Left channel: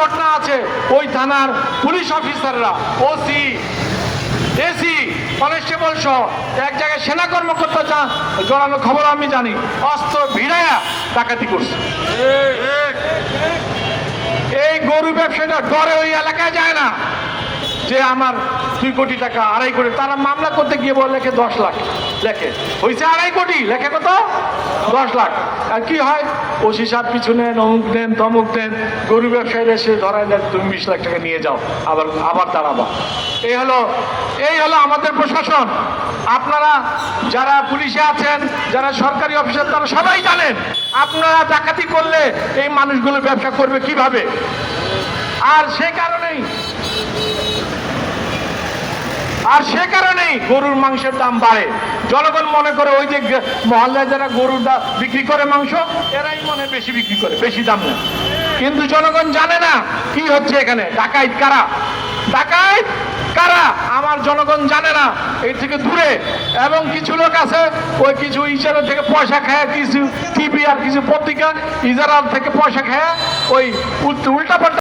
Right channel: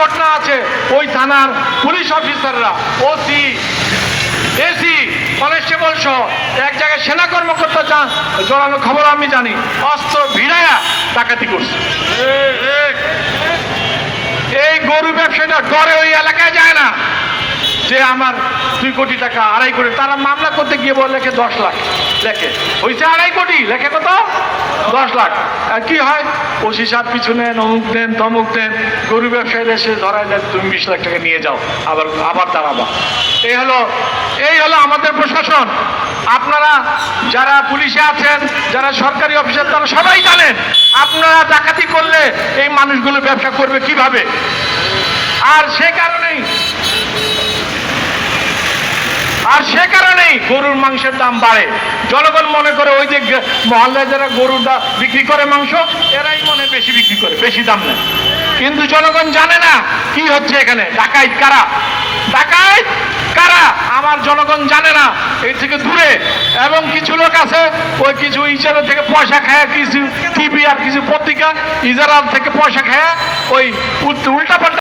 ঘটনা আছে, ওই থানার পুলিশ অফিসাররা ওসি এসি কনস্টেবল সহ এক জায়গায় সেনা কর্মকর্তা চান জড়ানো খবর আমি জানি, অস্ত্র ভিড়ায়া ডাকাতি করছে। এই গরু ব্যবসাটা করে ওই এলাকায় যায় না যে আমার দুই কোটি টাকা আড়াই কোটি, তারা মামলা করতে গিয়ে বলে লেখে দশ লাখ। লেখে। হয়েছে আড়াই কোটি, লেখে কত? দশ লাখ। কি হয়? ওসি সাহেব পিছু নেন, অমুক দেন, তমুক দেন, গরু ব্যবসায়ীরা এসে ধরায় দেন, তুমি বিশ লাখ টাকা নিয়ে যাও, আবার আবার দাঁড়াবা। এই হলো এই হলো আমাদের প্রশাসন। আপনারা যারা পুলিশে আছেন, যারা সরকারি অফিসার তারা সবাই জানেন, আপনারা ডাকাতি করলে এই মানুষগুলো ব্যবসা করবে কীভাবে? আর সে কারণেই, আর সে কারণেই গরুর মাংসের দাম বাড়ে। জনগণ মনে করে ওই যে মহল্লায় যারা গরুর বিক্রি করে মাংস, এরাই বেশি বিক্রি করে, বেশি দাম নেয়। কিন্তু জনগণ জানে না কি হচ্ছে এখানে। ডাকাইত কারা? ডাকাইত কারা? আমার জনগণ জানে না। এর থেকে দূরে। এবং কিছু লোক আছে, ওই কিছু ইজারা থেকে পয়সা খায়, কিছু টিভি আর কিছু পত্রিকা ইজারা থেকে পয়সা খায় ওই উল্টা পাল্টা